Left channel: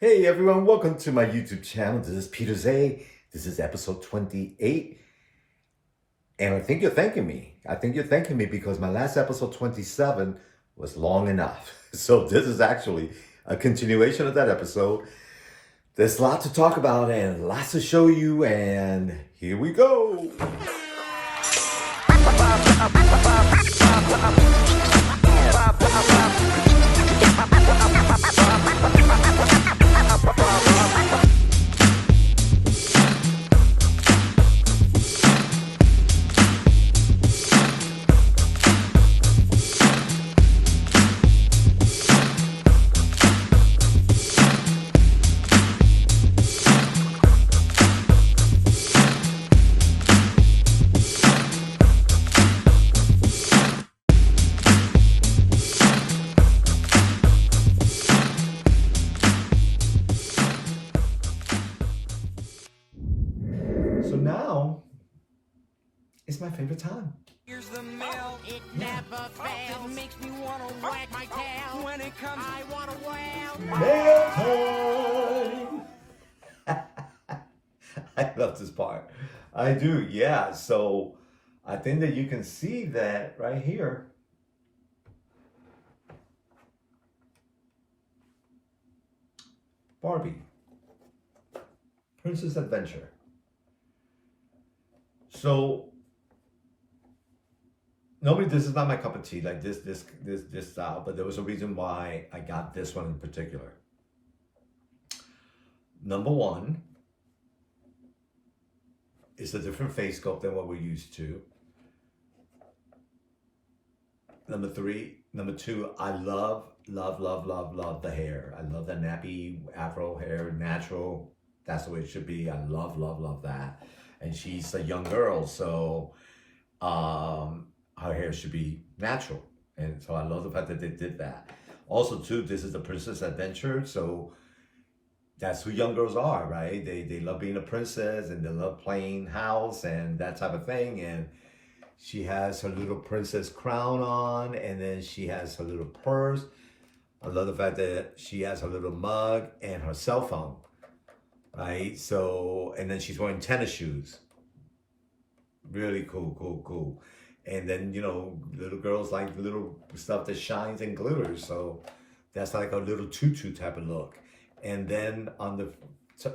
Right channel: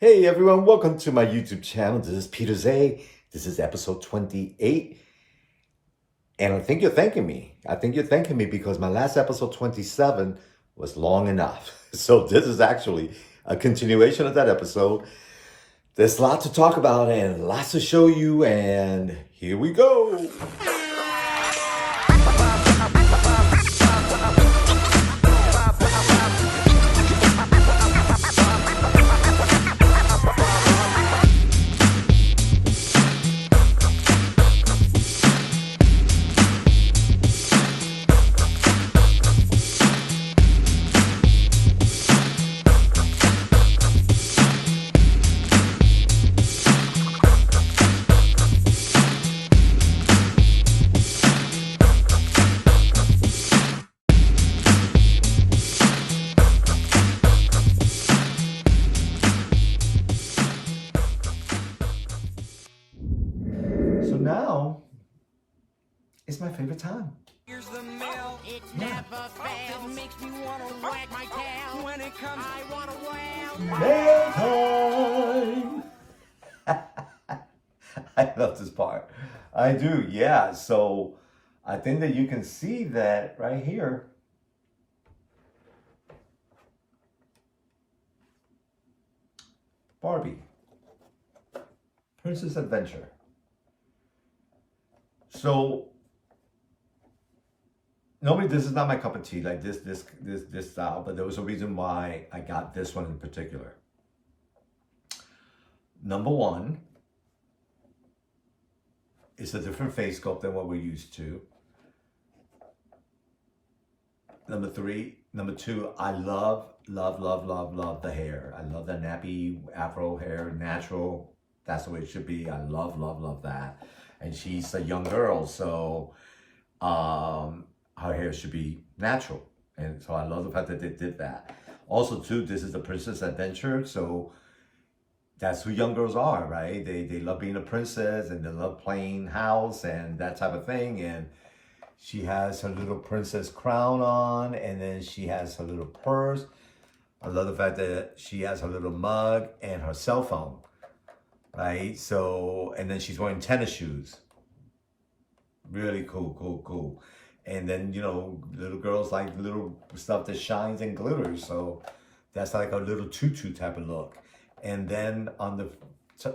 Hey everyone, welcome to my YouTube channel. This is Peter Zay. This is episode 28. And I think you're thanking me. I think you're thanking me because my last episode 27 was long enough. So this is actually a continuation of that episode. There's a lot to talk about and lots to show you, and here we go. So now it's my favorite time. Here's the mail. It never fails. It makes me want to wag my tail. When it comes, I want to wail. Mail time. I love this part. I do, yeah. So I think that you can see that right here. Barbie. Princess Adventure. So normally this is not my cup of tea, like this style, but there was a reason why I got this one in particular. Number one, it's a different face sculpt than what we're used to. Number two, I love the hair. I love the nappy afro hair, natural. That's the way it should be. I love that. And she's a young girl, so her hair should be natural. And so I love the fact that they did that. Also, too, this is a princess adventure, so that's who young girls are, right? They love being a princess, and they love playing house and that type of thing. And she has her little princess crown on, and then she has her little purse. I love the fact that she has her little mug and her cell phone, right? So, and then she's wearing tennis shoes. Really cool. And then, you know, little girls like little stuff that shines and glitters. So that's like a little tutu type of look. And then on the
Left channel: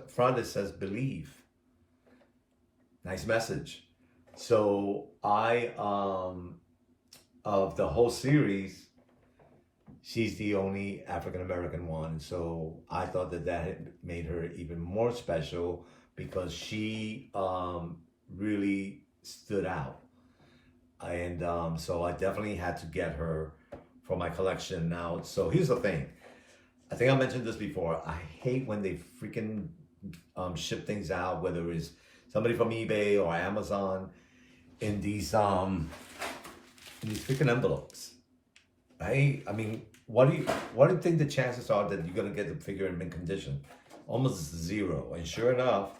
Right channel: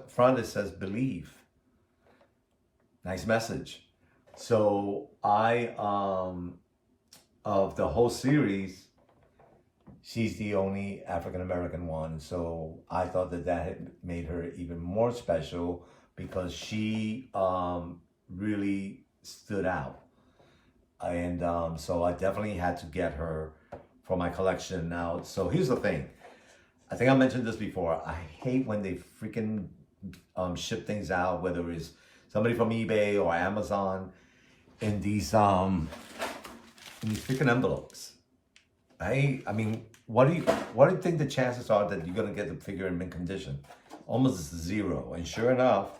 front, it says believe. Nice message. So of the whole series, she's the only African-American one. So I thought that had made her even more special because she really stood out. And so I definitely had to get her for my collection now. So here's the thing. I think I mentioned this before. I hate when they freaking ship things out, whether it's somebody from eBay or Amazon, in these freaking envelopes. I mean, what do you think the chances are that you're gonna get the figure in mint condition? Almost zero. And sure enough,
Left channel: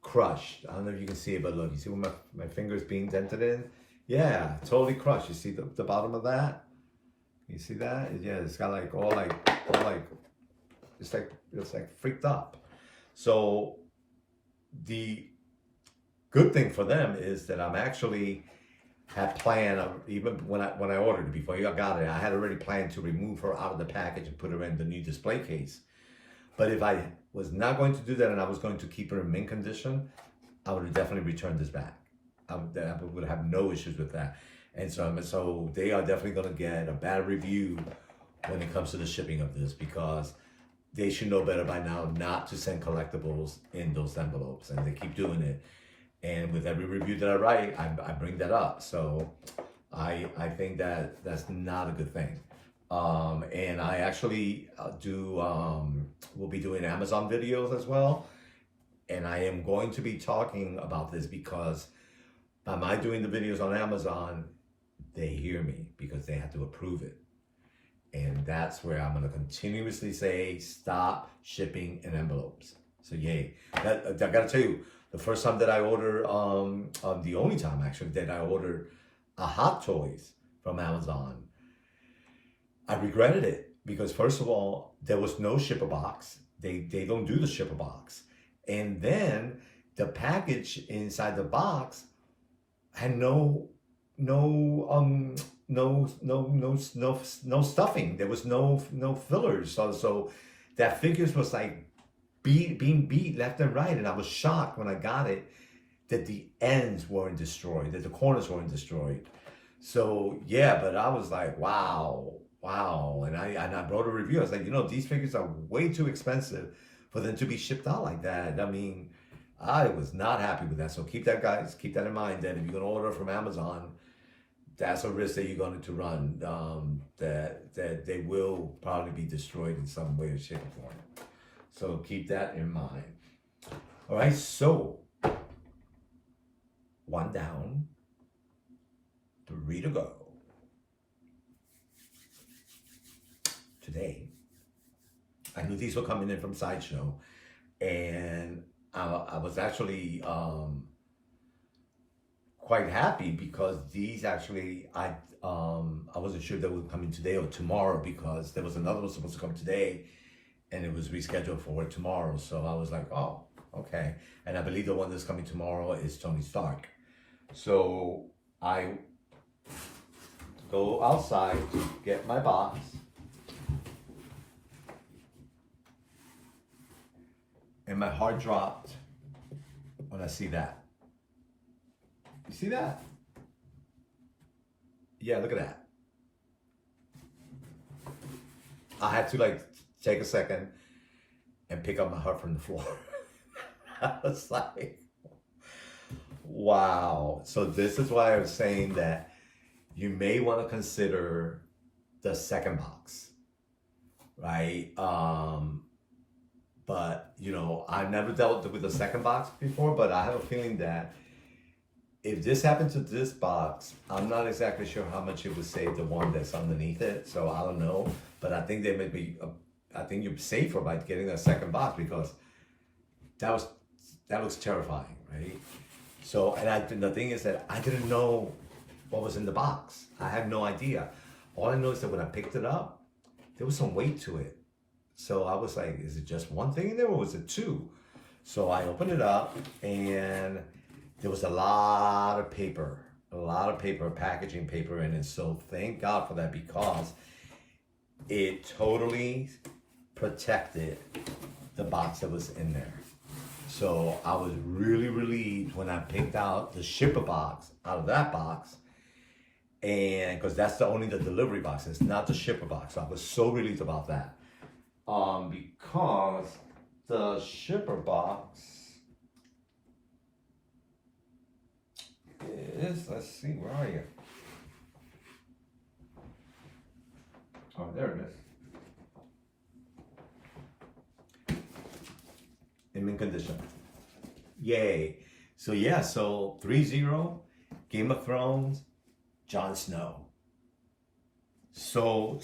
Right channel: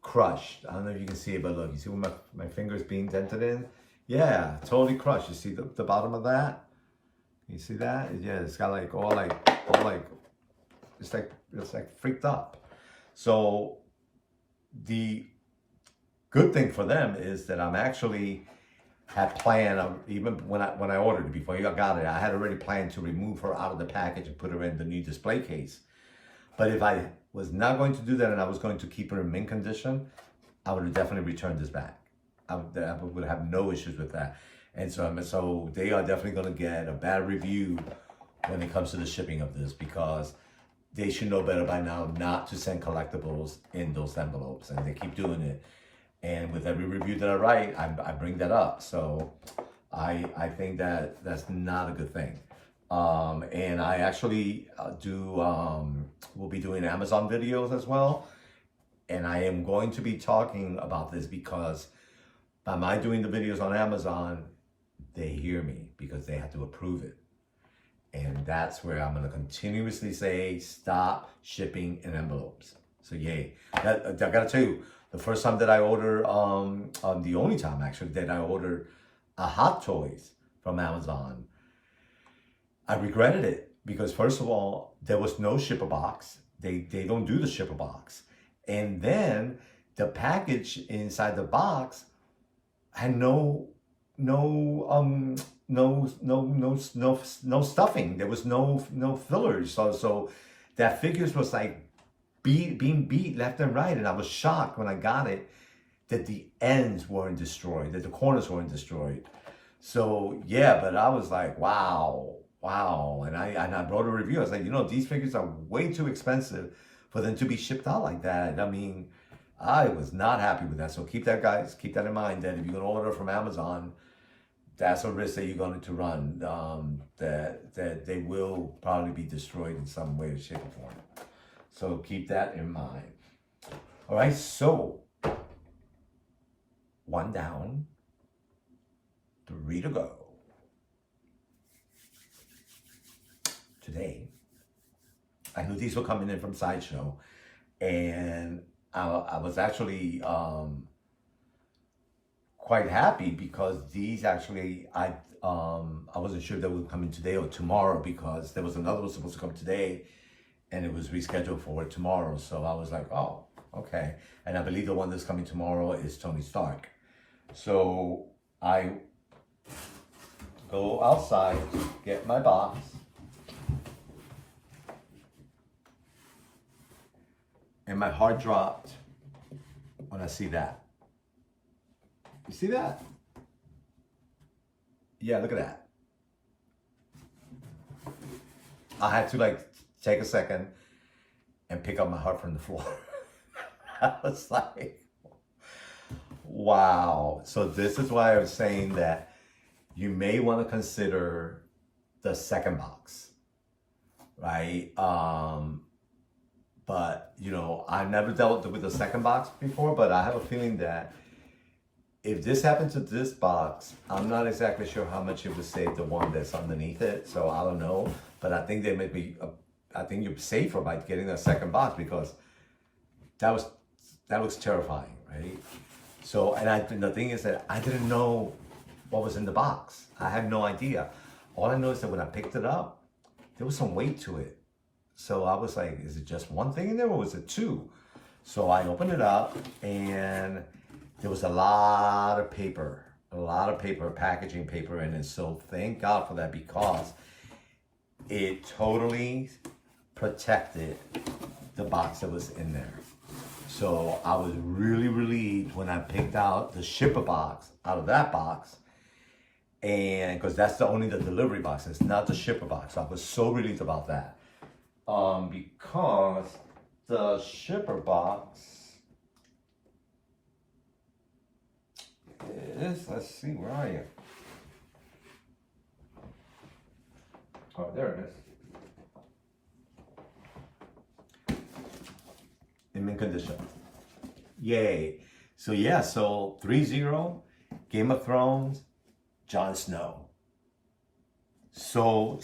crushed. I don't know if you can see it, but look, you see where my finger's being dented in? Yeah, totally crushed. You see the bottom of that? You see that? Yeah, it's got like all like it's like freaked up. So the good thing for them is that I'm actually had planned, even when I ordered it, before I got it, I had already planned to remove her out of the package and put her in the new display case. But if I was not going to do that and I was going to keep her in mint condition, I would have definitely returned this back. I would have no issues with that. And so they are definitely going to get a bad review when it comes to the shipping of this, because they should know better by now not to send collectibles in those envelopes, and they keep doing it. And with every review that I write, I bring that up. So I think that that's not a good thing. And I actually will be doing Amazon videos as well. And I am going to be talking about this because by my doing the videos on Amazon, they hear me because they have to approve it. And that's where I'm going to continuously say, stop shipping in envelopes. So yay. I got to tell you, the first time that I ordered, the only time actually that I ordered a Hot Toys from Amazon, I regretted it. because first of all, there was no shipper box. They don't do the shipper box. And then the package inside the box had no stuffing. There was no fillers. So that figures was like being beat left and right. And I was shocked when I got it that the ends weren't destroyed, that the corners weren't destroyed. So yeah, but I was like, wow. And I wrote a review. I was like, these figures are way too expensive for them to be shipped out like that. I mean, I was not happy with that. So keep that, guys. Keep that in mind, that if you're gonna order from Amazon, that's a risk that you're going to run. That they will probably be destroyed in some way or shape or form. So keep that in mind. All right. So 1 down, 3 to go. Today, I knew these were coming in from Sideshow, and I was actually quite happy because these actually I wasn't sure they would come in today or tomorrow, because there was another one supposed to come today and it was rescheduled for tomorrow. So I was like, oh, okay. And I believe the one that's coming tomorrow is Tony Stark. So I go outside to get my box. And my heart dropped when I see that. You see that? Yeah, look at that. I had to take a second and pick up my heart from the floor. I was like, wow. So this is why I was saying that you may want to consider the second box, right? But, I've never dealt with the second box before, but I have a feeling that if this happened to this box, I'm not exactly sure how much it would save the one that's underneath it. So I don't know, but I think they may be, I think you're safer by getting a second box, because that looks terrifying, right? So, and the thing is that I didn't know what was in the box. I had no idea. All I know is that when I picked it up, there was some weight to it. So I was like, is it just one thing in there or was it two? So I opened it up and there was a lot of paper, packaging paper in it. So thank God for that, because it totally protected the box that was in there. So I was really relieved when I picked out the shipper box out of that box. And because that's the delivery box, it's not the shipper box. I was so relieved about that. Because the shipper box is, let's see, where are you? Oh, there it is. In mint condition. Yay. So yeah, so 3-0, Game of Thrones, Jon Snow. So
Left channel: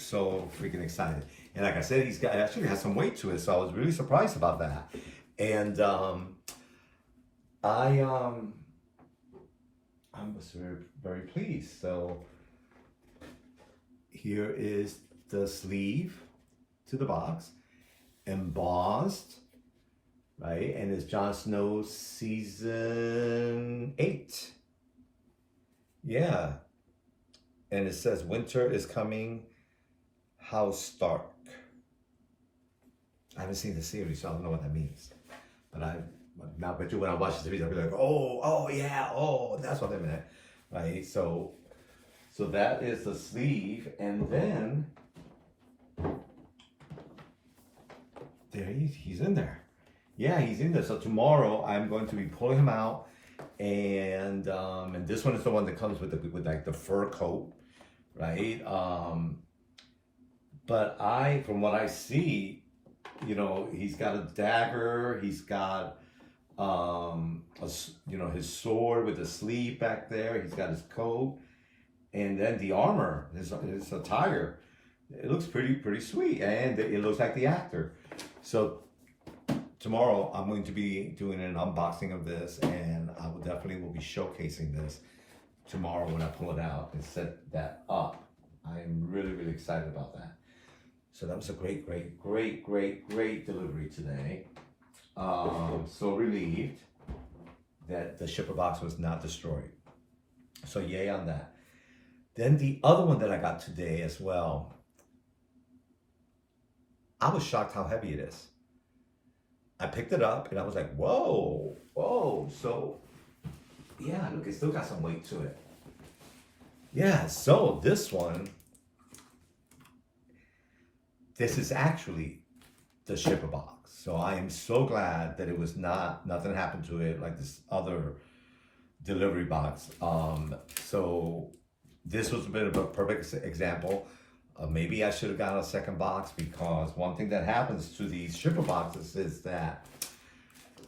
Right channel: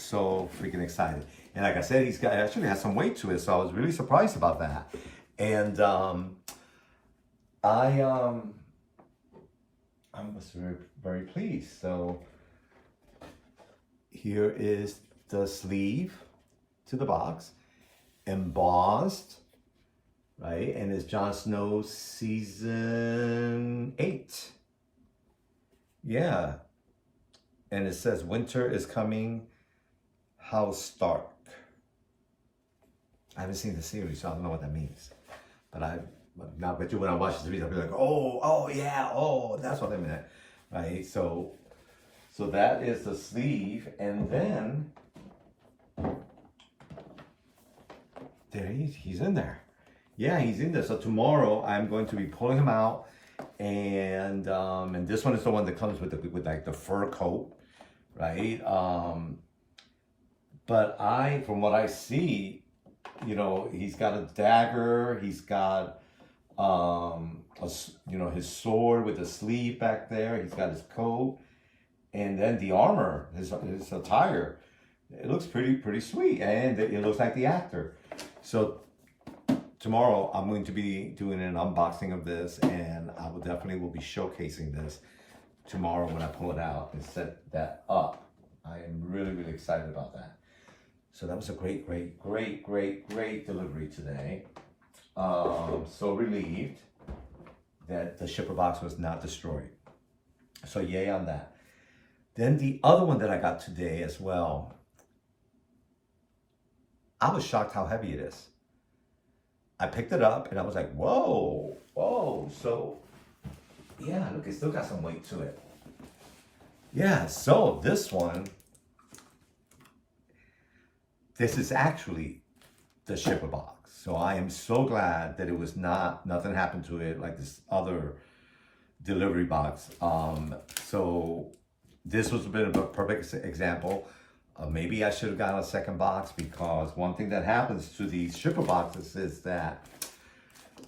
freaking excited. And like I said, actually has some weight to it, so I was really surprised about that. And I was very, very pleased. So here is the sleeve to the box, embossed, right? And it's Jon Snow season 8. Yeah. And it says winter is coming, House Stark. I haven't seen the series, so I don't know what that means. But I bet you when I watch the series, I'll be like, oh yeah, that's what I meant, right? So that is the sleeve, and then there he's in there. Yeah, he's in there. So tomorrow I'm going to be pulling him out, and this one is the one that comes with the fur coat, right? But from what I see, he's got a dagger, he's got his sword with a sleeve back there, he's got his coat, and then the armor, his attire. It looks pretty sweet, and it looks like the actor. So tomorrow I'm going to be doing an unboxing of this, and I will definitely be showcasing this tomorrow when I pull it out and set that up. I am really, really excited about that. So that was a great delivery today. So relieved that the shipper box was not destroyed. So yay on that. Then the other one that I got today as well, I was shocked how heavy it is. I picked it up and I was like, whoa. So yeah, look, it still got some weight to it. Yeah, so this one, this is actually the shipper box. So I am so glad that it was nothing happened to it like this other delivery box. So this was a bit of a perfect example. Maybe I should have got a second box, because one thing that happens to these shipper boxes is that,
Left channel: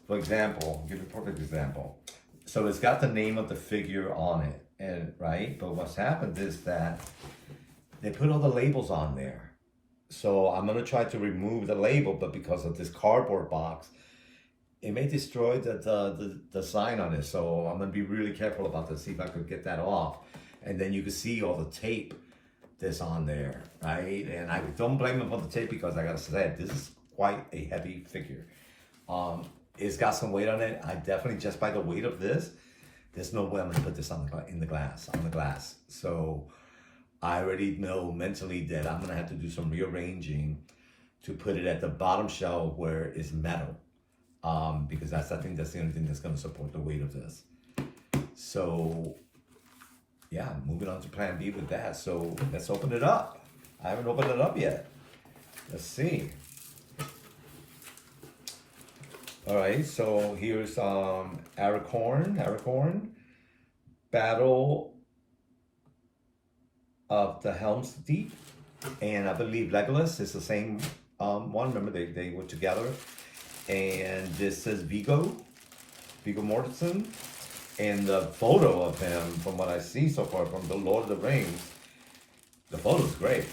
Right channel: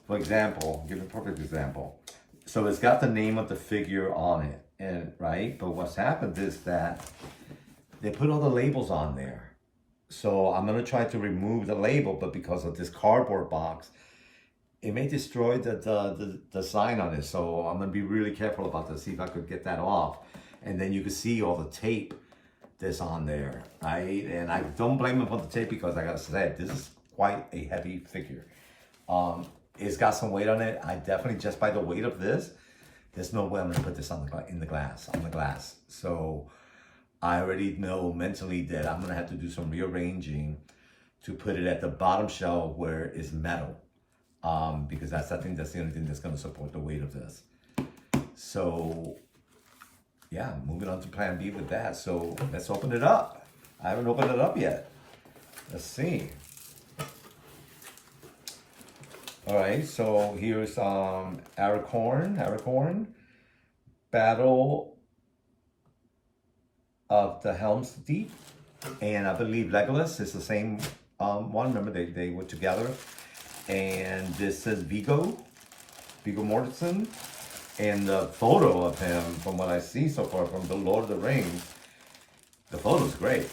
for example, I'll give you a perfect example. So it's got the name of the figure on it, and right? But what's happened is that they put all the labels on there. So I'm gonna try to remove the label, but because of this cardboard box, it may destroy the sign on it. So I'm gonna be really careful about this, see if I could get that off. And then you can see all the tape that's on there, right? And I don't blame them for the tape, because like I said, this is quite a heavy figure. It's got some weight on it. I definitely, just by the weight of this, there's no way I'm gonna put this on the glass. So I already know mentally that I'm gonna have to do some rearranging to put it at the bottom shelf where it's metal, because I think that's the only thing that's gonna support the weight of this. So yeah, moving on to plan B with that. So let's open it up. I haven't opened it up yet. Let's see. All right, so here's Aragorn, Battle of the Helm's Deep, and I believe Legolas is the same one. Remember, they were together. And this is Mego Mortensen, and the photo of him, from what I see so far from the Lord of the Rings, the photo's great.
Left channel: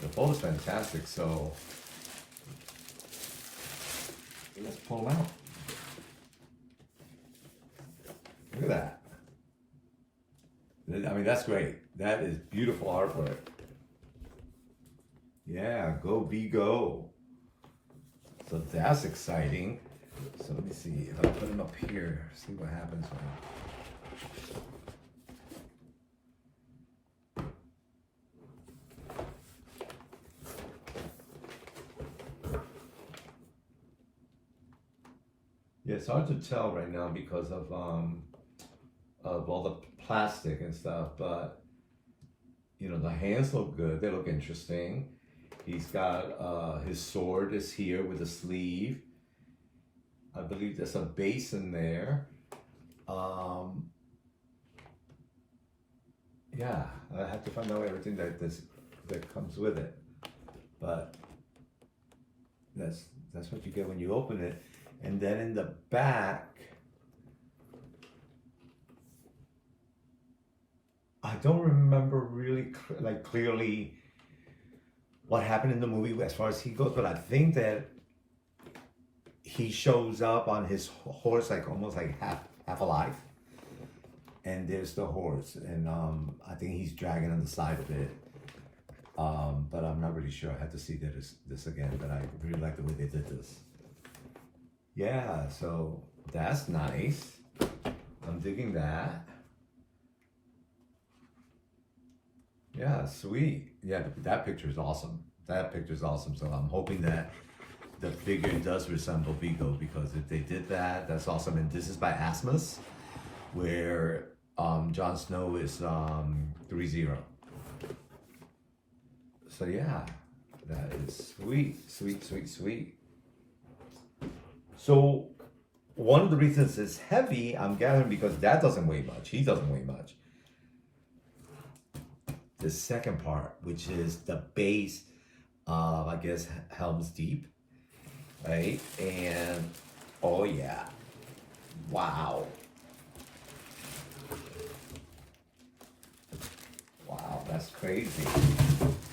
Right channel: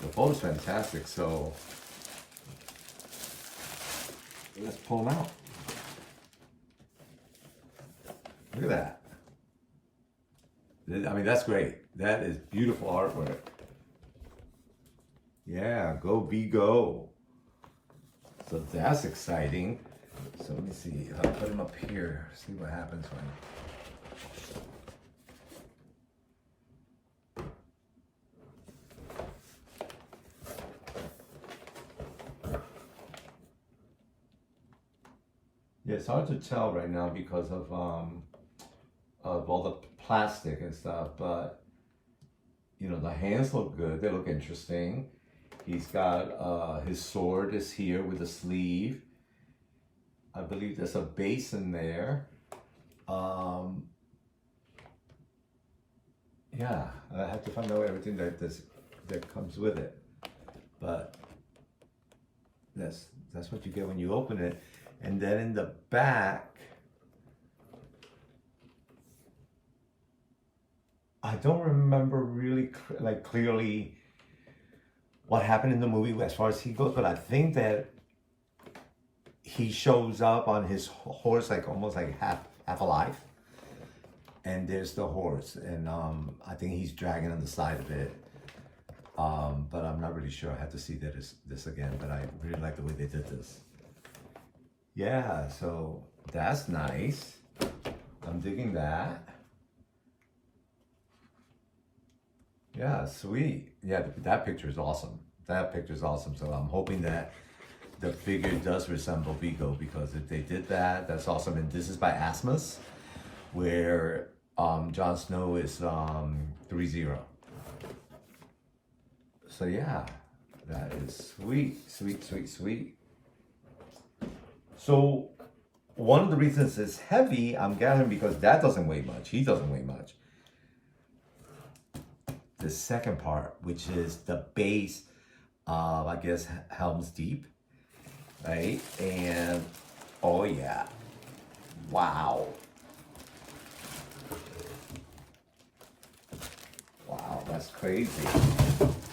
The photo's fantastic. So let's pull them out. Look at that. I mean, that's great. That is beautiful artwork. Yeah, go Mego. So that's exciting. So let me see. I'll put him up here. See what happens when. Yeah, it's hard to tell right now because of all the plastic and stuff, but you know, the hands look good. They look interesting. He's got his sword is here with a sleeve. I believe there's a base in there. Yeah, I have to find out everything that comes with it, but that's what you get when you open it. And then in the back, I don't remember really clearly what happened in the movie as far as he goes, but I think that he shows up on his horse like almost like half alive, and there's the horse, and I think he's dragging on the side of it, but I'm not really sure. I have to see this again, but I really like the way they did this. Yeah, so that's nice. I'm digging that. Yeah, sweet. Yeah, that picture is awesome. That picture is awesome. So I'm hoping that the figure does resemble Mego, because if they did that, that's awesome. And this is by Asmus, where Jon Snow is 3-0. So yeah, that is sweet, sweet, sweet, sweet. So one of the reasons it's heavy, I'm gathering, because that doesn't weigh much. He doesn't weigh much. The second part, which is the base of, I guess, Helm's Deep, right? And oh yeah, wow, wow, that's crazy.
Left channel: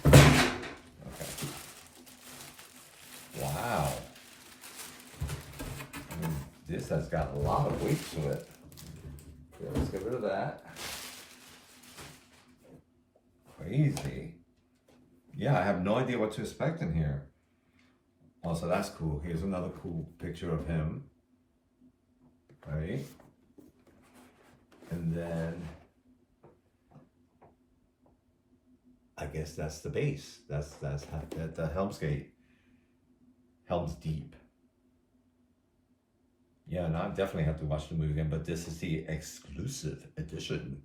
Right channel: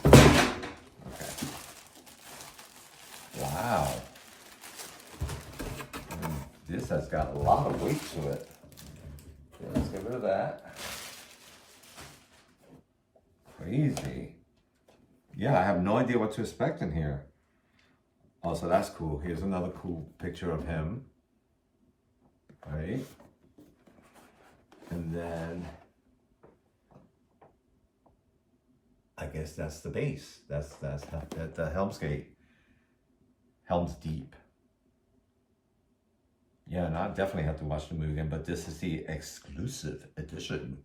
Okay, wow. I mean, this has got a lot of weight to it. Okay, let's get rid of that. Crazy. yeah, I have no idea what to expect in here. Oh, so that's cool. Here's another cool picture of him. Right? And then I guess that's the base. That's the Helm's Deep. Yeah, and I definitely have to watch the movie again, but this is the exclusive edition.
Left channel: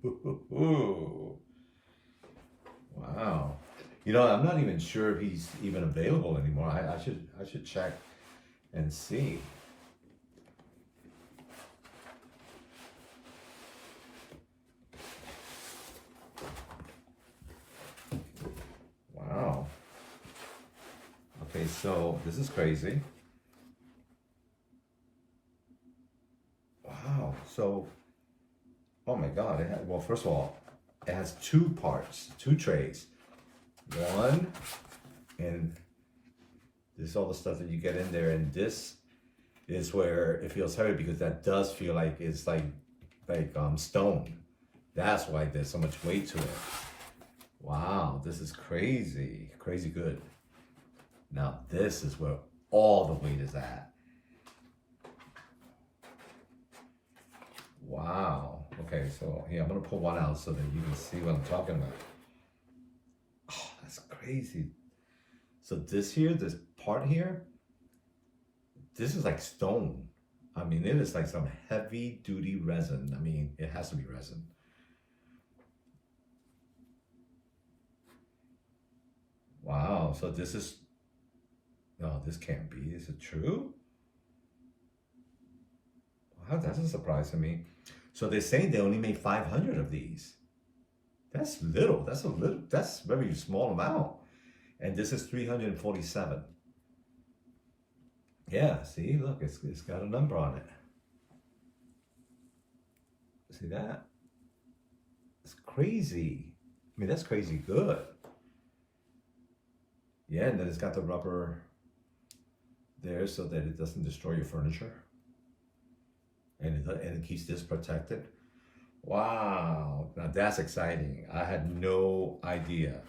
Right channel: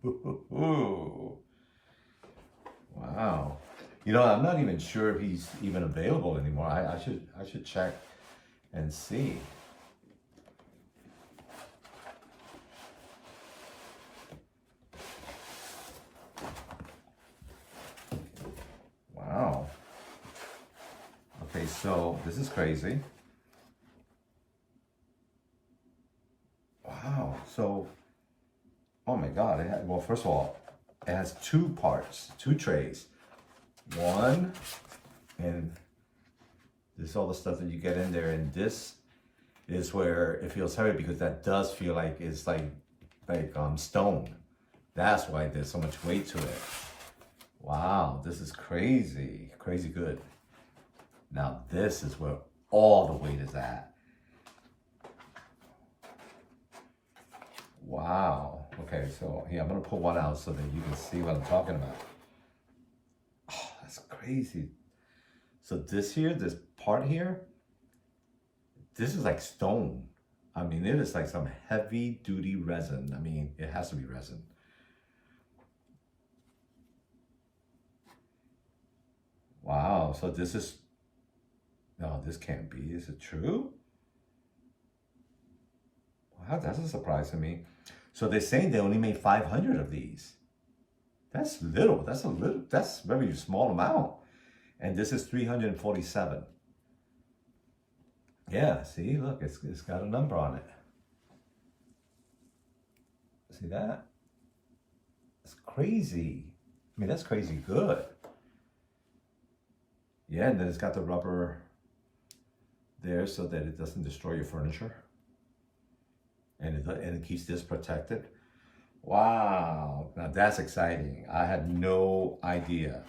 Wow. You know, I'm not even sure if he's even available anymore. I should check and see. Wow. Okay, so this is crazy. Wow. So, oh my God. Well, first of all, it has two parts, two trays. One, and this is all the stuff that you get in there, and this is where it feels heavy because that does feel like it's like stone. That's why there's so much weight to it. Wow, this is crazy, crazy good. Now this is where all the weight is at. Wow. Okay, so here I'm gonna pull one out so that you can see what I'm talking about. Oh, that's crazy. So this part here, this is like stone. I mean, it is like some heavy duty resin. I mean, it has to be resin. Wow, so this is, no, this can't be. Is it true? Wow, that's a surprise to me. So they're saying they only made 500 of these. That's little. That's that's a very small amount. And this is 347. Yeah, see, look, it's got a number on it. See that? It's crazy. I mean, that's crazy good. Yeah, and then it's got the rubber there so that it doesn't destroy your furniture. And it keeps this protected. Wow, now that's exciting. I had no idea,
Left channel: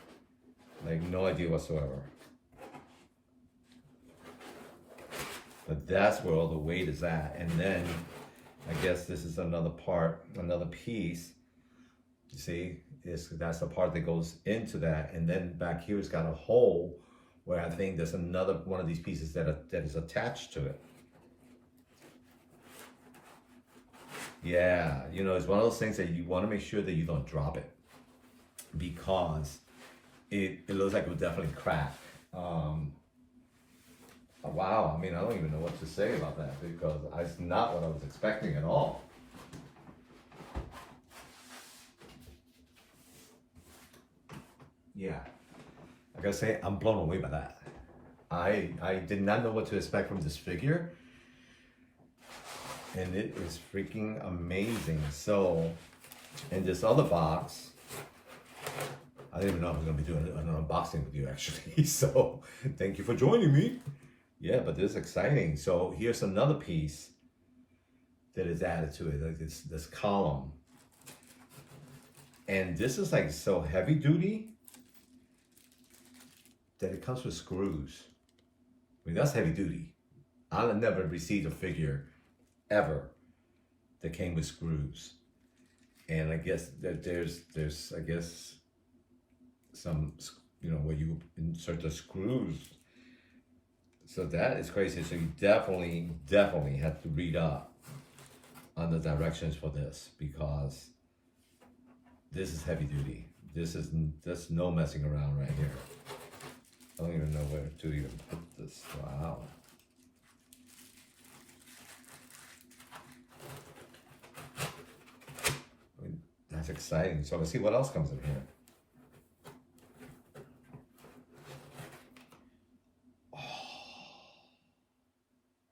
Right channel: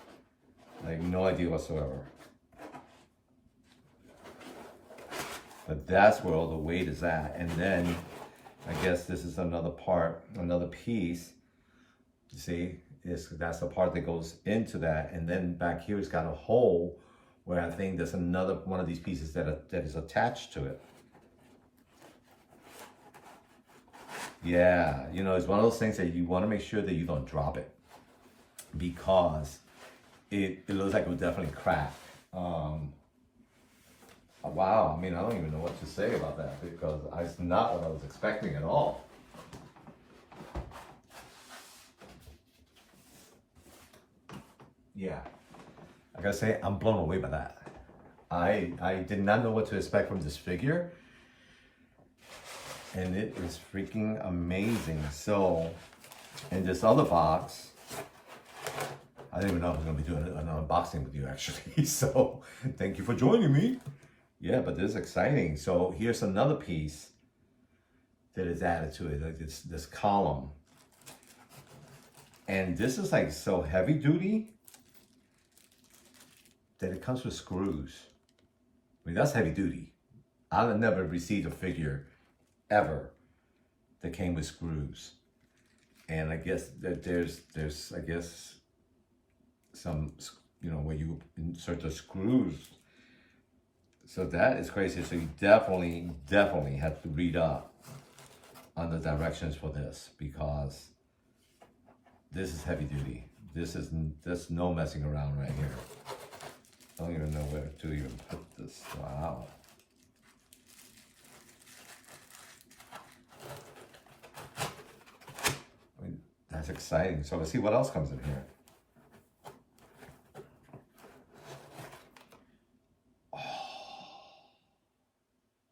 like no idea whatsoever. But that's where all the weight is at. And then I guess this is another part, another piece. You see, that's the part that goes into that. And then back here it's got a hole where I think there's another one of these pieces that is attached to it. Yeah, you know, it's one of those things that you want to make sure that you don't drop it because it looks like it would definitely crack. Wow, I mean, I don't even know what to say about that because it's not what I was expecting at all. Yeah, I gotta say, I'm blown away by that. I did not know what to expect from this figure. And it is freaking amazing. So, in this other box, I didn't even know I was going to be doing an unboxing with you actually. So, thank you for joining me. Yeah, but this is exciting. So, here's another piece that is added to it, like this column. And this is like so heavy duty that it comes with screws. I mean, that's heavy duty. I've never received a figure ever that came with screws, and I guess that there's I guess some, you know, where you insert the screws. So that is crazy. So you definitely have to read up on the directions for this because this is heavy duty. There's no messing around right here. I don't even know where to even put this. Wow. That's exciting. So let's see what else comes in here. Oh,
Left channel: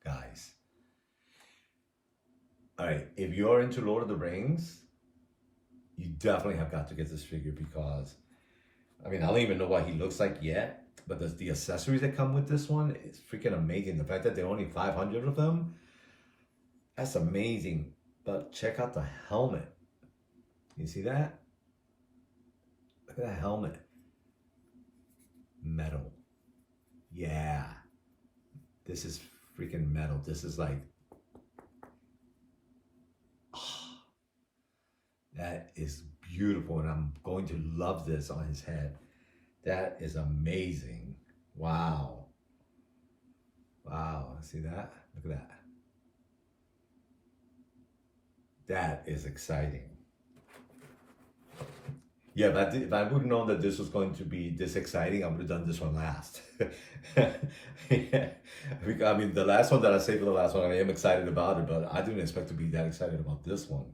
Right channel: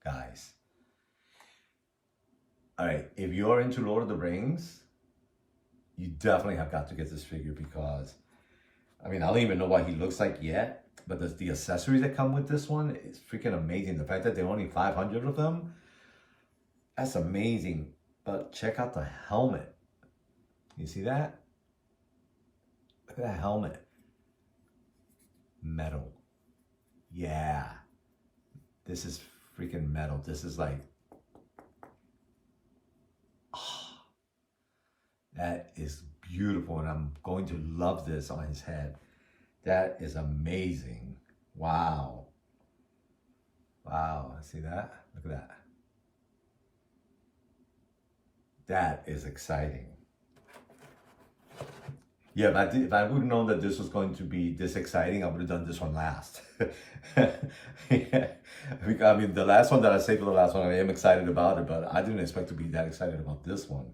guys. All right, if you're into Lord of the Rings, you definitely have got to get this figure because, I mean, I don't even know what he looks like yet, but the accessories that come with this one is freaking amazing. The fact that there are only 500 of them, that's amazing. But check out the helmet. You see that? Look at that helmet. metal. Yeah. This is freaking metal. This is like, oh, that is beautiful. And I'm going to love this on his head. That is amazing. Wow. Wow. See that? Look at that. That is exciting. Yeah, if I would have known that this was going to be this exciting, I would have done this one last. Yeah. I mean, the last one that I saved for the last one, I am excited about it, but I didn't expect to be that excited about this one.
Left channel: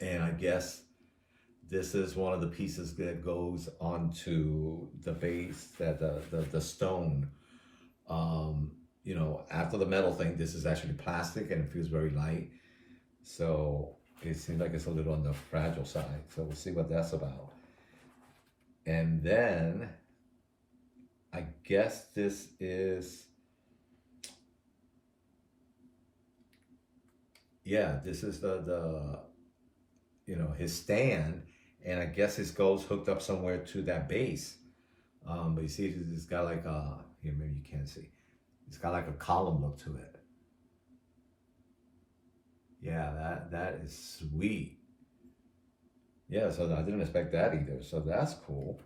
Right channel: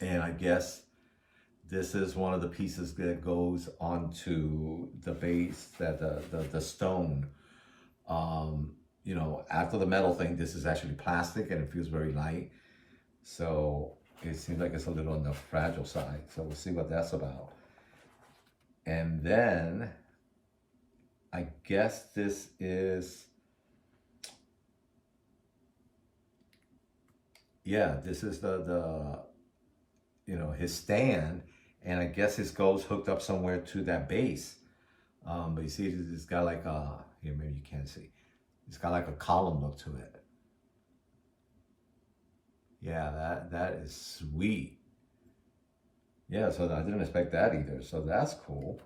And I guess this is one of the pieces that goes onto the base, that the stone. You know, after the metal thing, this is actually plastic and it feels very light. So it seems like it's a little on the fragile side. So we'll see what that's about. And then I guess this is, yeah, this is the you know, his stand. And I guess his goes hooked up somewhere to that base. But you see, it's got like a, here, maybe you can't see. It's got like a column look to it. Yeah, that is sweet. Yeah, so I didn't expect that either. So that's cool.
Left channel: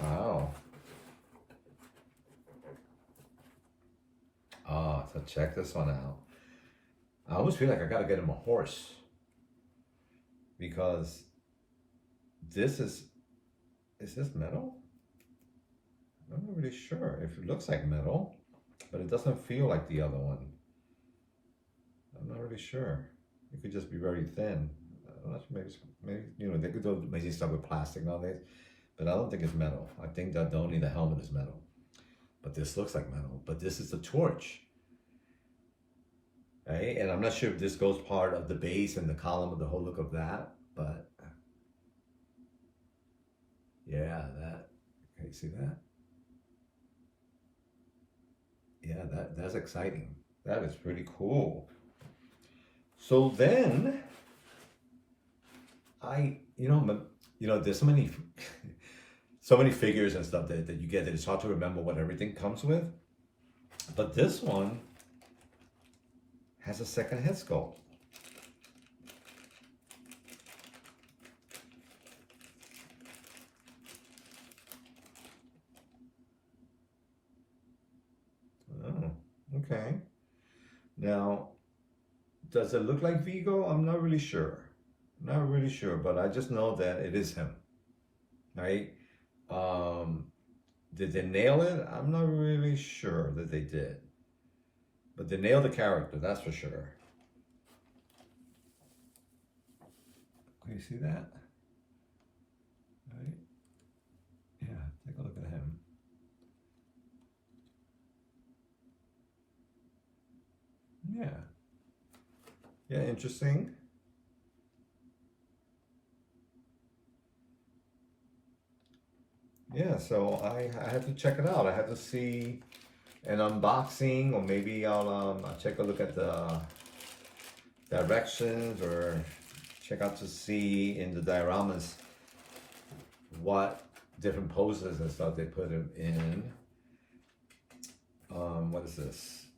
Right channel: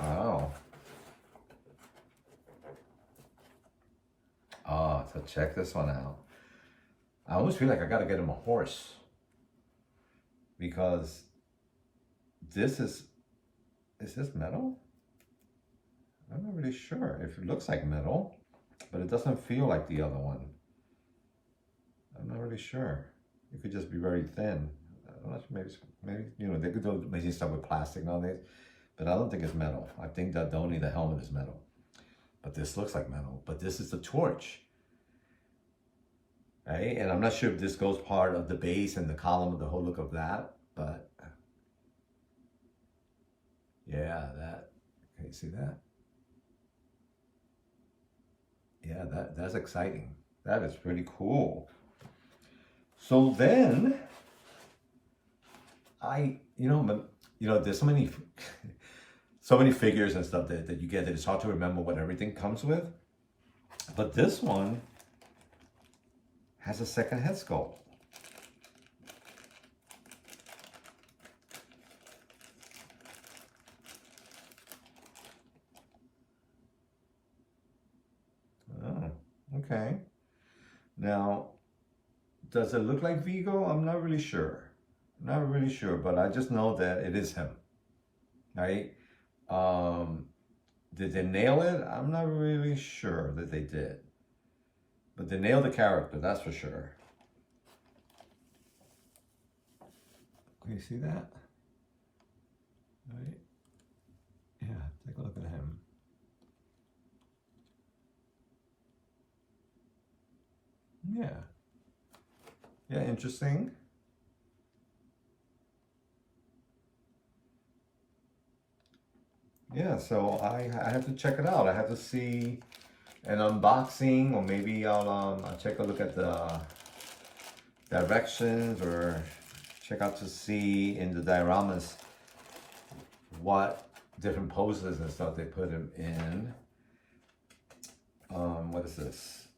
Wow. Ah, so check this one out. I almost feel like I gotta get him a horse. Because this is this metal? I'm not really sure. If it looks like metal, but it doesn't feel like the other one. I'm not really sure. It could just be very thin. I'm not sure, maybe you know, they could do amazing stuff with plastic nowadays, but I don't think it's metal. I think that only the helmet is metal. But this looks like metal. But this is the torch, right? And I'm not sure if this goes part of the base and the column of the whole look of that, but yeah, that, can you see that? Yeah, that's exciting. That is pretty cool. So then, you know, there's so many, so many figures and stuff that you get that it's hard to remember what everything comes with. But this one has a second head sculpt. Oh, okay. Now, does it look like Vigo? I'm not really sure. Not really sure, but I just know that it is him, right? Did they nail it? I'm not really sure that they did. But they nailed the character, that's for sure. Can you see that? Right? Yeah, take a look at him. Yeah. Yeah, interesting. Yeah, so I have to check it out. I have to see an unboxing, or maybe I'll check a look at the directions, or check out to see in the dioramas what different poses and stuff they put him in. What is this?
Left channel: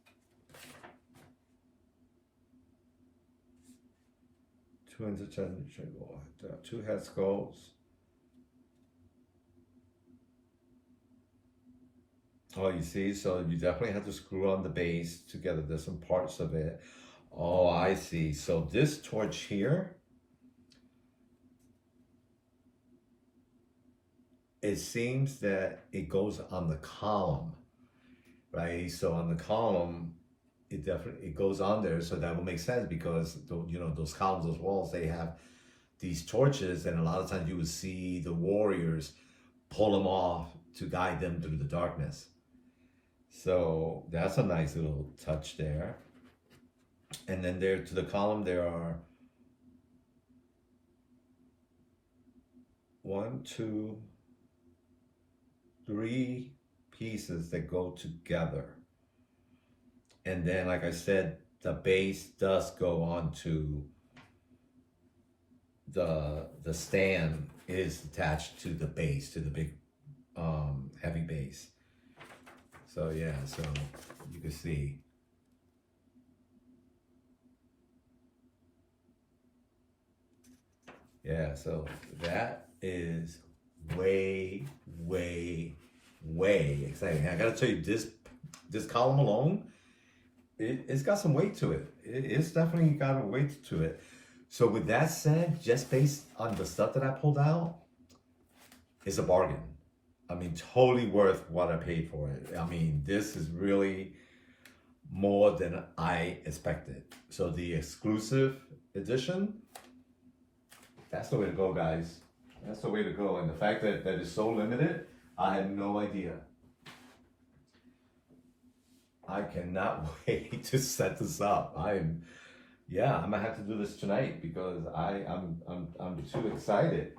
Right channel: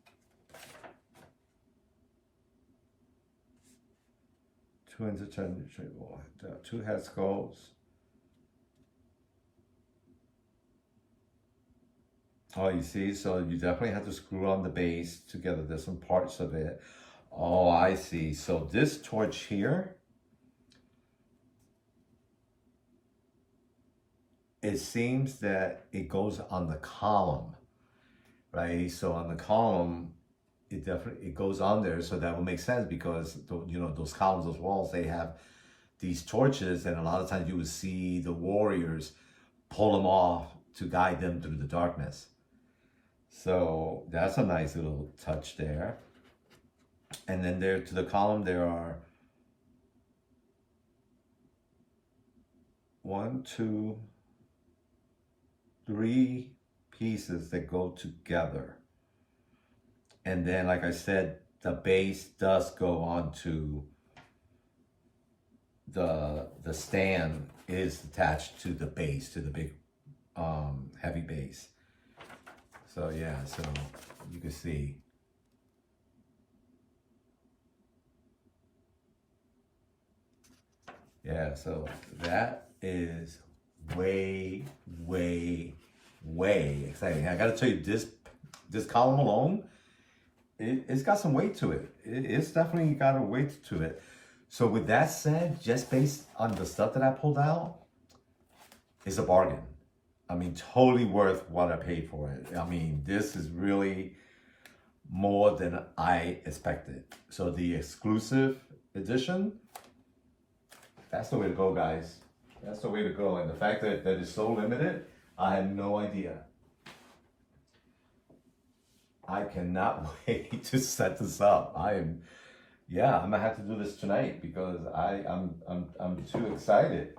Two head sculpts. Oh, you see, so you definitely have to screw on the base together. There's some parts of it. Oh, I see. So this torch here, it seems that it goes on the column, right? So on the column, it goes on there, so that would make sense, because you know, those columns, those walls, they have these torches, and a lot of times you would see the warriors pull them off to guide them through the darkness. So that's a nice little touch there. And then there to the column, there are 1, 2, 3 pieces that go together. And then, like I said, the base does go onto the stand is attached to the base, to the big heavy base. So yeah, so you can see. Yeah, so that is way, way, way exciting. I gotta tell you, this column alone, it's got some weight to it. It's definitely got a weight to it. So with that said, just based on the stuff that I pulled out, it's a bargain. I mean, totally worth what I paid for it. I mean, this is really more than I expected. So the exclusive edition, that's the way to go, guys. That's the way to go. And the fact that it's so limited, I had no idea. I cannot wait to set this up. I'm gonna have to do this tonight because I'm too excited.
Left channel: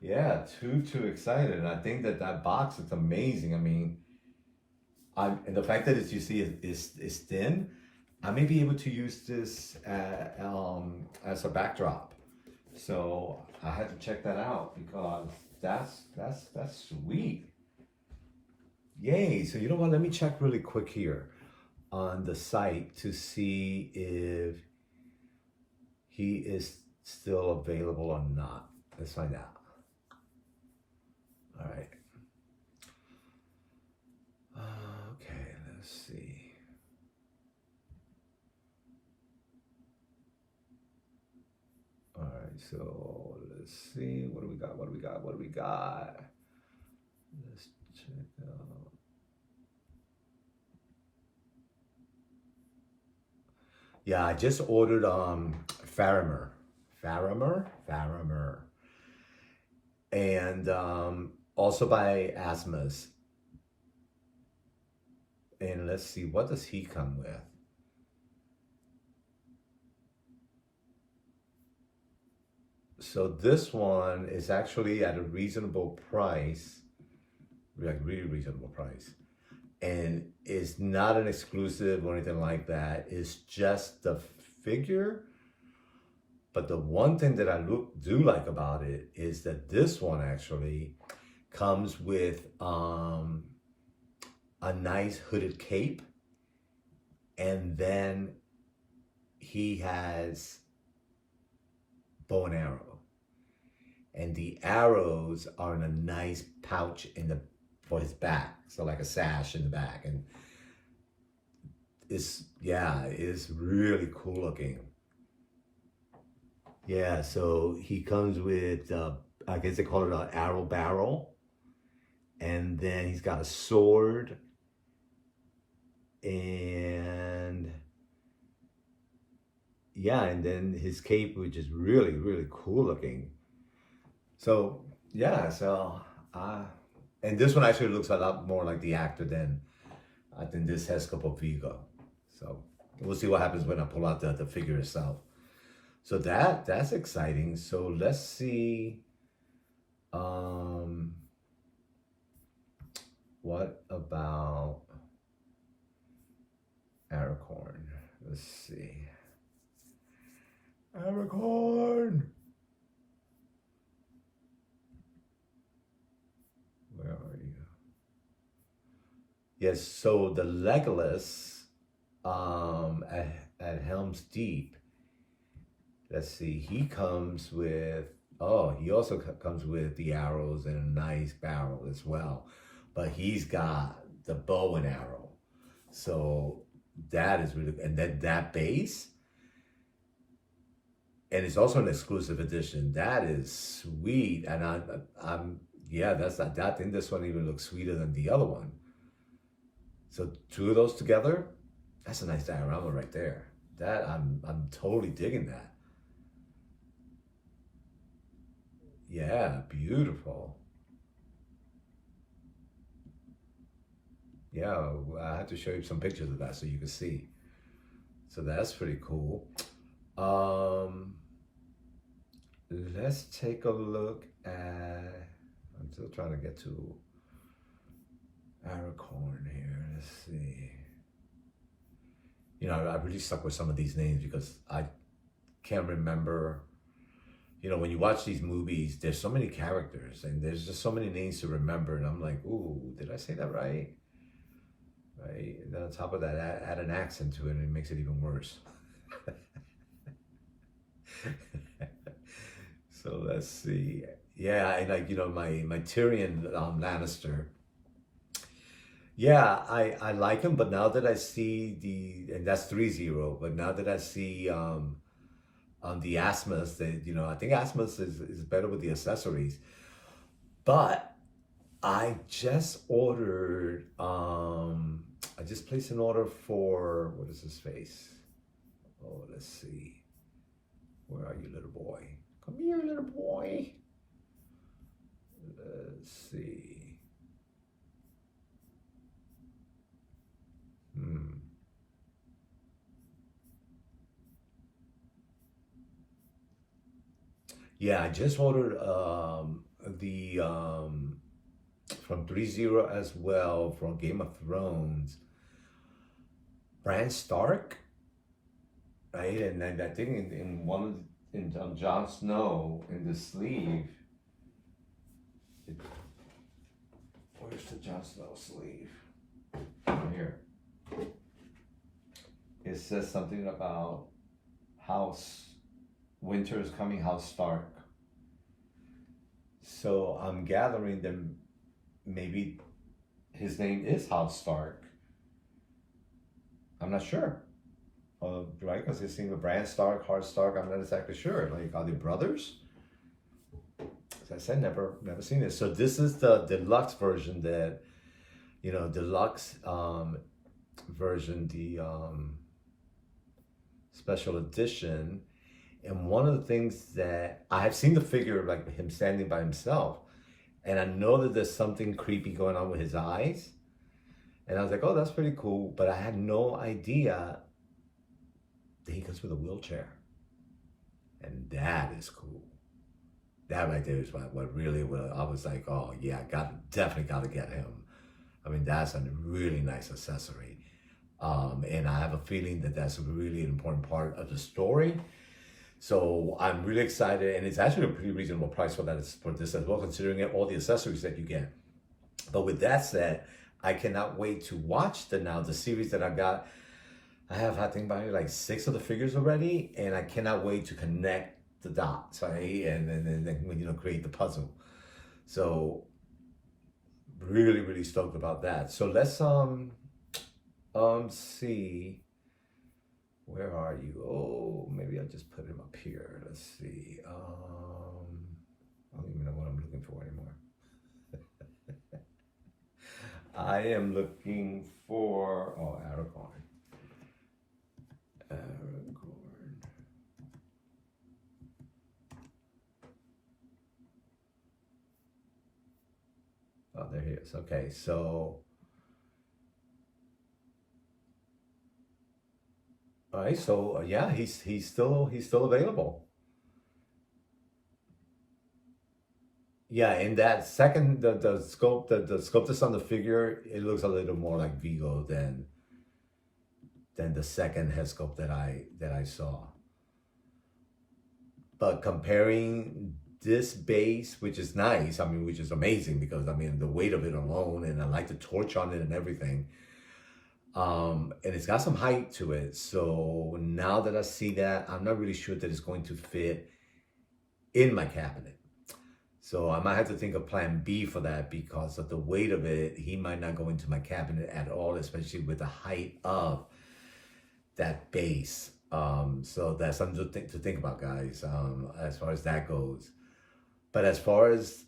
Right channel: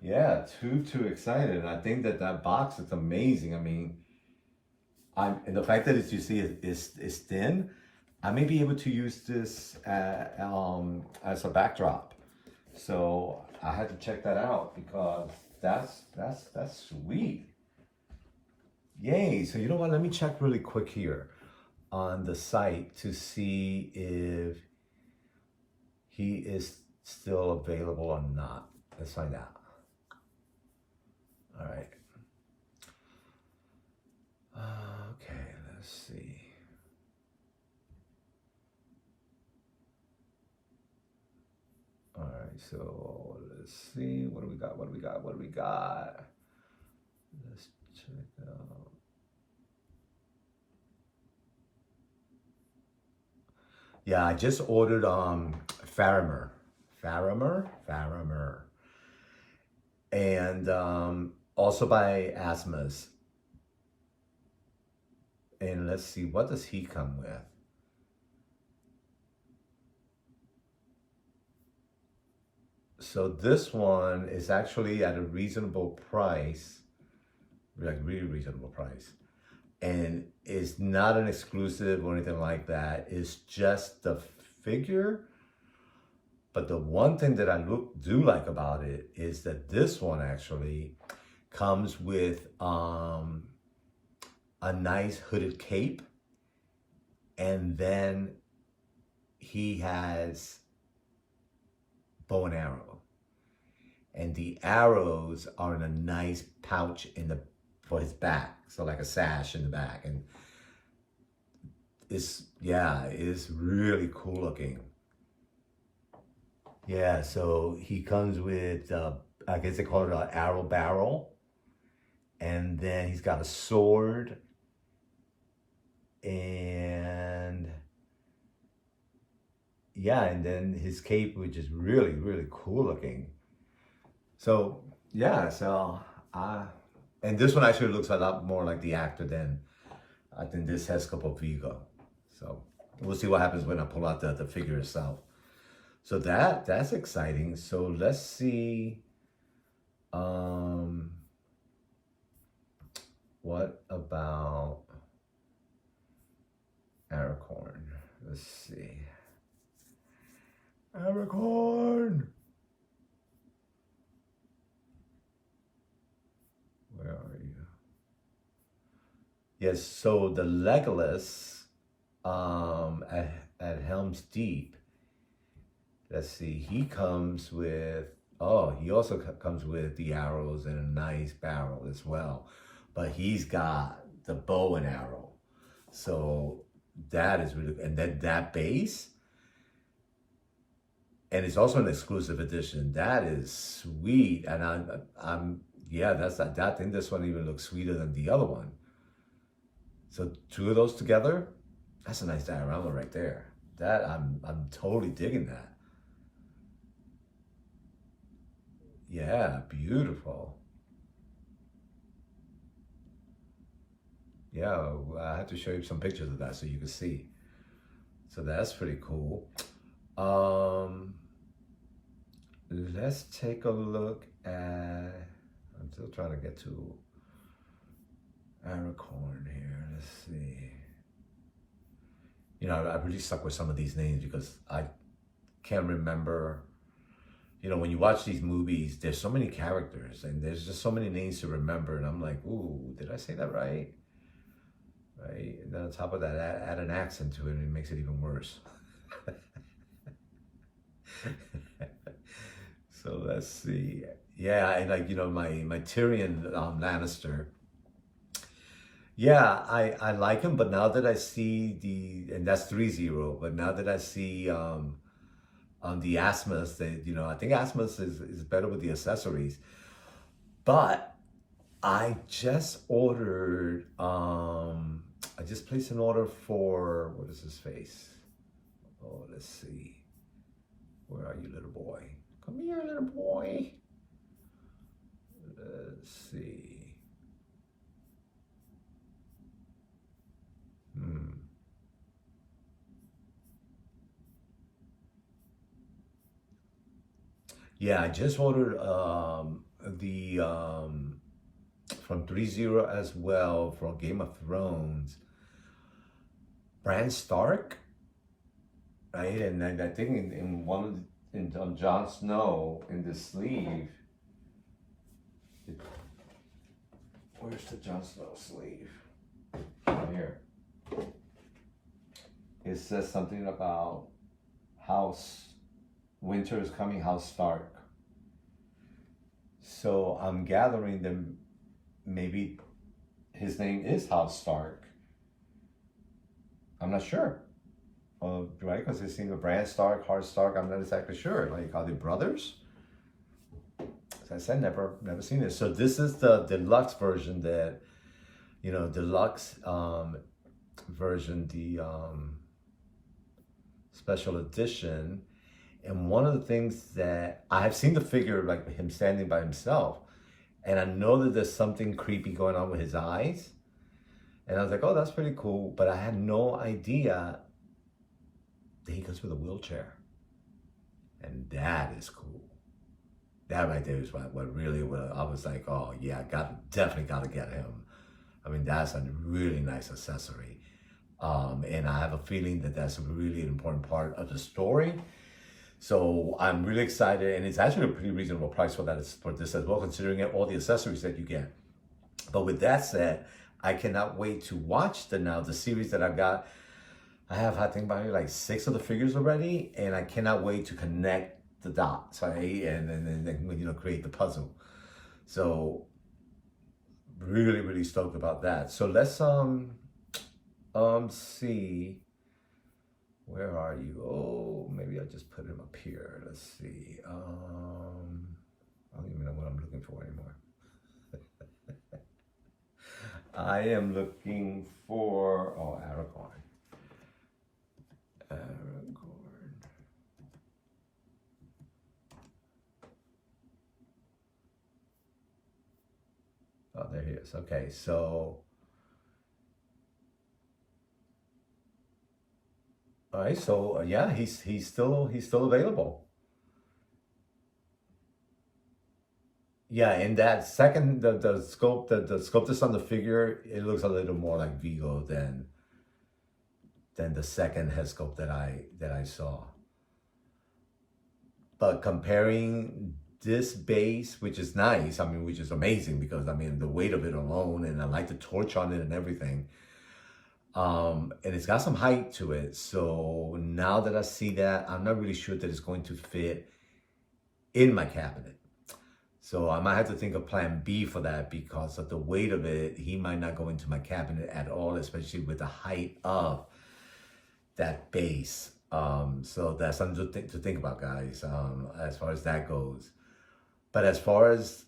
Yeah, too excited. And I think that box is amazing. I mean, and the fact that you see is thin, I may be able to use this as a backdrop. So I had to check that out because that's sweet. Yay! So you know what? Let me check really quick here on the site to see if he is still available or not. Let's find out. All right. Okay, let's see. All right, so let's see. What do we got? Let's check out. Yeah, I just ordered Faramer. And also by Asmus. And let's see, what does he come with? So this one is actually at a reasonable price, like really reasonable price. And it's not an exclusive or anything like that. It's just the figure. But the one thing that I do like about it is that this one actually comes with a nice hooded cape. And then he has bow and arrow. And the arrows are in a nice pouch for his back. So like a sash in the back. And it's really cool looking. Yeah, so he comes with, I guess they call it an arrow barrel. And then he's got a sword. And yeah, and then his cape, which is really, really cool looking. So, yeah, and this one actually looks a lot more like the actor than I think this has a couple of Vigo. So we'll see what happens when I pull out the figure itself. So that's exciting. So let's see. What about Aracorn? Let's see. Aracorn! Where are you? Yes, so the Legolas at Helm's Deep, let's see, he comes with, he also comes with the arrows and a nice barrel as well. But he's got the bow and arrow. So that is really, and then that base, and it's also an exclusive edition. That is sweet. And I think this one even looks sweeter than the other one. So two of those together, that's a nice diorama right there. That I'm totally digging that. Yeah, beautiful. Yeah, I have to show you some pictures of that so you can see. So that's pretty cool. Let's take a look at, I'm still trying to get to Aracorn here. Let's see. You know, I really stuck with some of these names because I can't remember. you know, when you watch these movies, there's so many characters and there's just so many names to remember. And I'm like, ooh, did I say that right? Right? And then on top of that, add an accent to it and it makes it even worse. So let's see. Yeah, I like, you know, my Tyrion Lannister. Yeah, I like him, but now that I see and that's 3-0, but now that I see the Asmus, that, you know, I think Asmus is better with the accessories. But I just ordered, I just placed an order for, what is his face? Oh, let's see. Where are you, little boy? Come here, little boy. Let's see. Yeah, I just ordered the from 3-0 as well from Game of Thrones. Bran Stark, right? And I think in one of on Jon Snow in the sleeve. Where's the Jon Snow sleeve? Here. It says something about House Winter is coming, House Stark. So I'm gathering them. Maybe his name is House Stark. I'm not sure. Right? Because it seems to Bran Stark, Hard Stark. I'm not exactly sure. Like, are they brothers? As I said, never seen this. So this is the deluxe version that, you know, deluxe version, the special edition. And one of the things that I've seen the figure, like him standing by himself, and I know that there's something creepy going on with his eyes. And I was like, oh, that's pretty cool. But I had no idea that he comes with a wheelchair. And that is cool. That right there is what really, I was like, oh yeah, definitely got to get him. I mean, that's a really nice accessory. And I have a feeling that that's a really important part of the story. So I'm really excited, and it's actually a pretty reasonable price for this as well, considering all the accessories that you get. But with that said, I cannot wait to watch the series that I've got. I have, I think, probably like 6 of the figures already, and I cannot wait to connect the dots, right? And then you know, create the puzzle. So really, really stoked about that. So let's see. Where are you? Oh, maybe I'll just put him up here. Let's see. I don't even know what I'm looking for anymore. I am looking for, oh, Aragorn. Oh, there he is. Okay, so. All right, so yeah, he's still available. Yeah, in that second, the scope that's on the figure, it looks a little more like Vigo than the second head sculpt that I saw. But comparing this base, which is nice, I mean, which is amazing because I mean the weight of it alone, and I like the torch on it and everything. And it's got some height to it. So now that I see that, I'm not really sure that it's going to fit in my cabinet. So I might have to think of plan B for that because of the weight of it. He might not go into my cabinet at all, especially with the height of that base. So that's something to think about, guys, as far as that goes. But as far as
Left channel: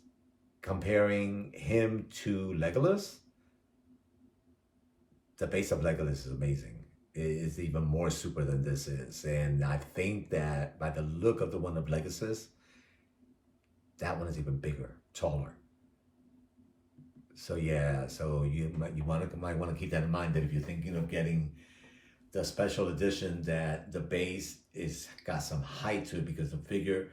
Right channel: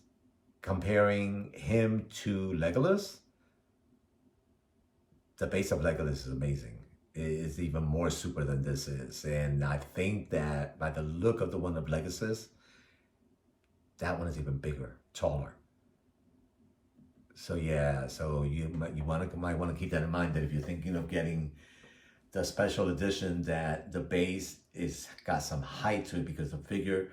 comparing him to Legolas, the base of Legolas is amazing. It is even more super than this is. And I think that by the look of the one of Legolas, that one is even bigger, taller. So yeah, so you might want to keep that in mind, that if you're thinking of getting the special edition, that the base got some height to it, because the figure,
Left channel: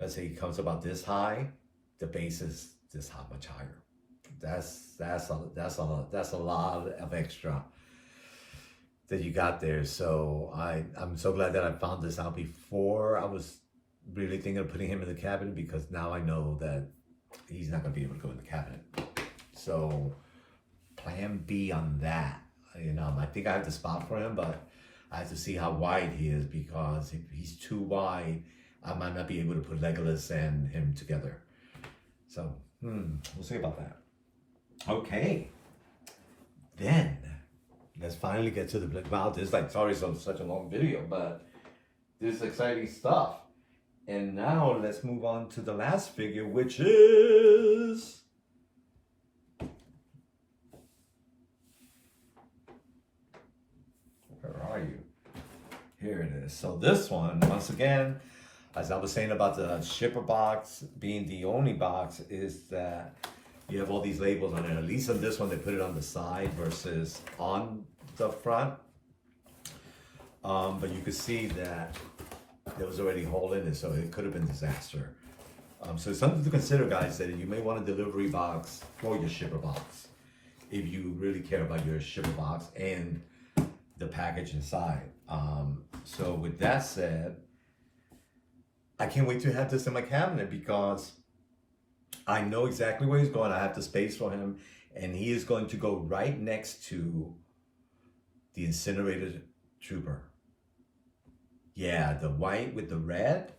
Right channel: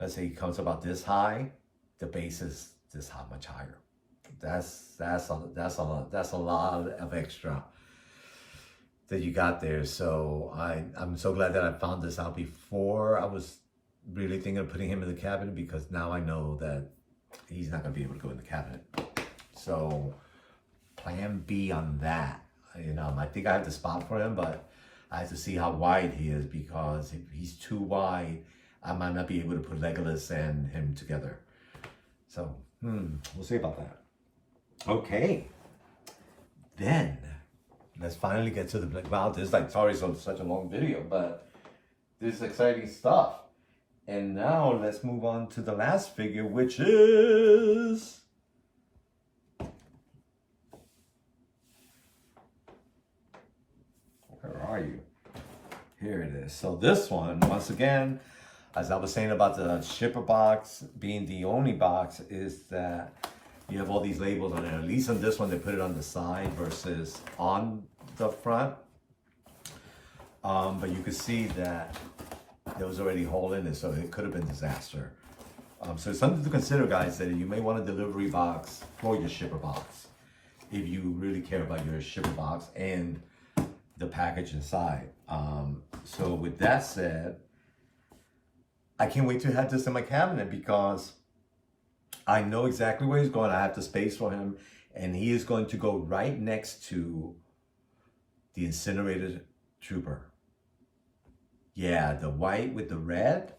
let's say, it comes about this high, the base is this high, much higher. That's a lot of extra that you got there. So I'm so glad that I found this out before I was really thinking of putting him in the cabinet because now I know that he's not going to be able to go in the cabinet. So plan B on that. You know, I think I have the spot for him, but I have to see how wide he is, because if he's too wide, I might not be able to put Legolas and him together. So, we'll see about that. Okay. Then, let's finally get to the, wow, this is like, sorry it's such a long video, but this is exciting stuff. And now let's move on to the last figure, which is... Where are you? Here it is. So this one, once again, as I was saying about the shipper box being the only box, is that you have all these labels on it. At least on this one, they put it on the side versus on the front. But you could see that there was already a hole in it, so it could have been a disaster. So it's something to consider, guys, that you may want a delivery box for your shipper box if you really care about your shipper box and the package inside. So with that said, I can't wait to have this in my cabinet because I know exactly where he's going. I have the space for him, and he is going to go right next to the incinerated trooper. Yeah, the white with the red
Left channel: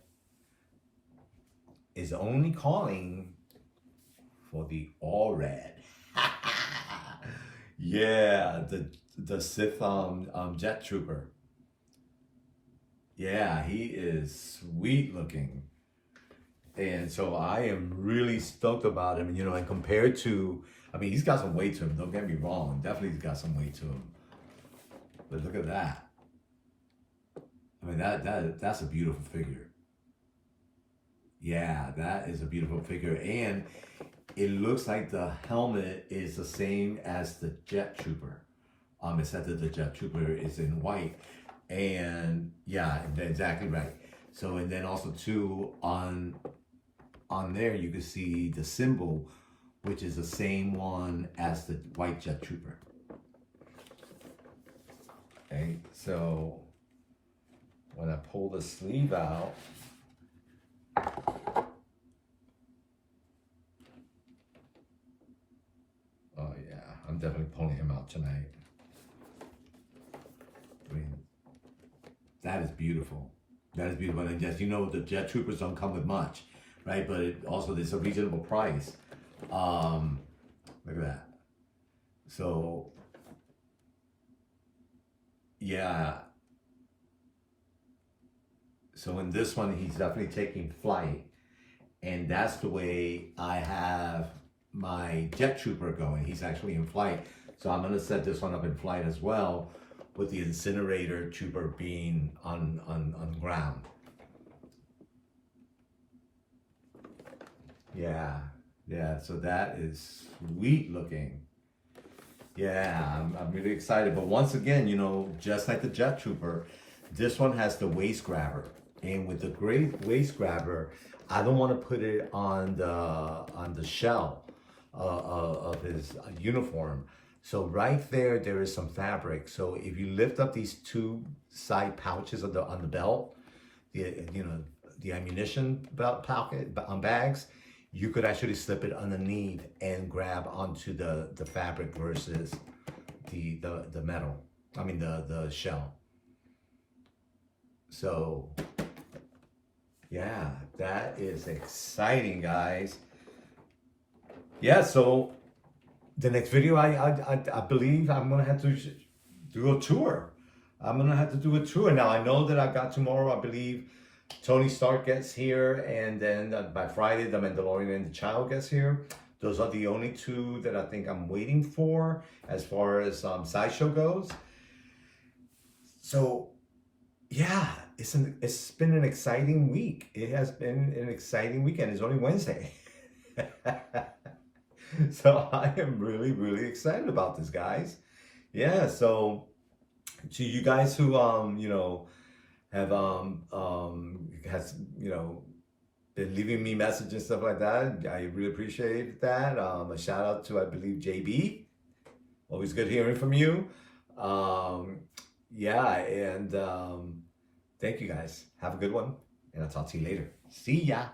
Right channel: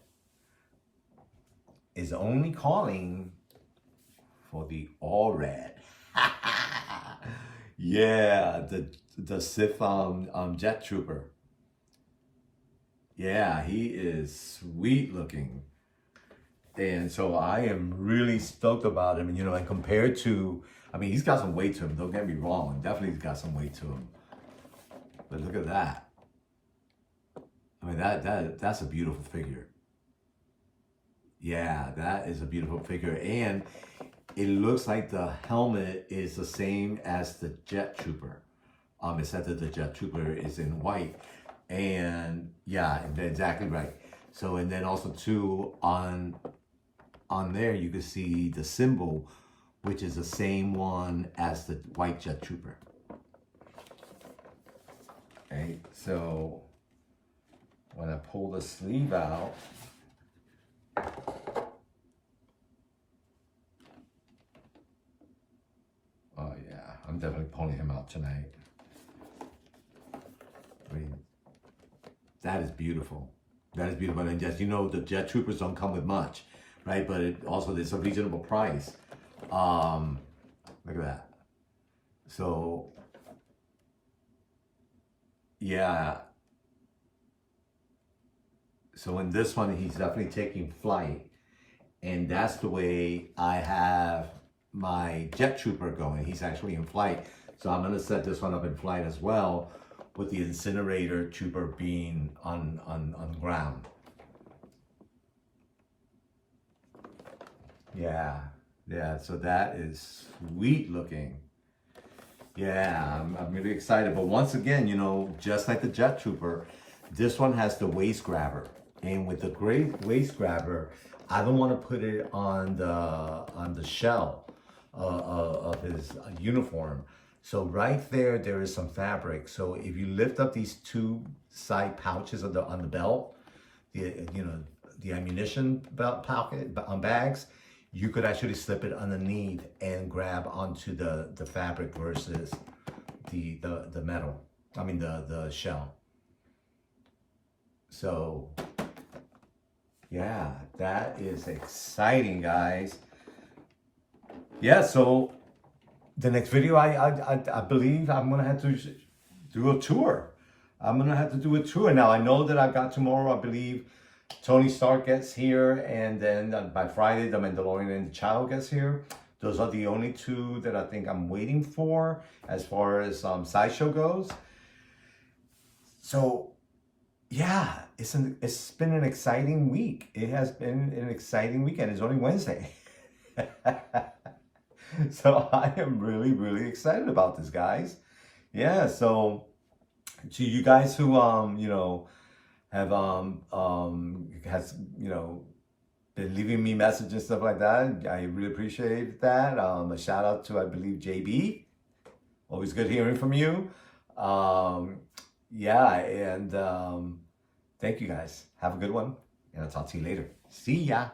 is only calling for the all red. Yeah, the Sith jet trooper. Yeah, he is sweet looking. And so I am really stoked about him. And, you know, and compared to, I mean, he's got some weight to him. Don't get me wrong. Definitely he's got some weight to him. But look at that. I mean, that's a beautiful figure. Yeah, that is a beautiful figure. And it looks like the helmet is the same as the Jet Trooper. Except that the Jet Trooper is in white. And yeah, exactly right. So, and then also too, on there you can see the symbol, which is the same one as the white Jet Trooper. Okay, so when I pull the sleeve out, oh yeah, I'm definitely pulling him out tonight. I mean, that is beautiful. That is beautiful. And yes, you know, the Jet Troopers don't come with much, right? But it also, it's a reasonable price. Look at that. So, yeah. So in this one, he's definitely taking flight. And that's the way I have my Jet Trooper going. He's actually in flight. So I'm going to set this one up in flight as well, with the incinerator trooper being on ground. Yeah, so that is sweet looking. Yeah, I'm really excited. But once again, you know, just like the Jet Trooper, this one has the waist grabber. And with the great waist grabber, I don't want to put it on the shell of his uniform. So right there is some fabric. So if you lift up these two side pouches on the belt, the ammunition belt pocket bags, you could actually slip it underneath and grab onto the fabric versus the metal. I mean the shell. So yeah, that is exciting, guys. Yeah, so the next video, I believe I'm gonna have to do a tour. I'm gonna have to do a tour. Now I know that I got tomorrow, I believe Tony Stark gets here, and then by Friday, the Mandalorian and the Child gets here. Those are the only two that I think I'm waiting for as far as Sideshow goes. So yeah, it's been an exciting week. It has been an exciting weekend. It's only Wednesday. So I am really, really excited about this, guys. Yeah, so to you guys who you know, have been leaving me messages and stuff like that, I really appreciate that. A shout out to, I believe, JB. Always good hearing from you. Yeah, and thank you guys. Have a good one. and I'll talk to you later. See ya.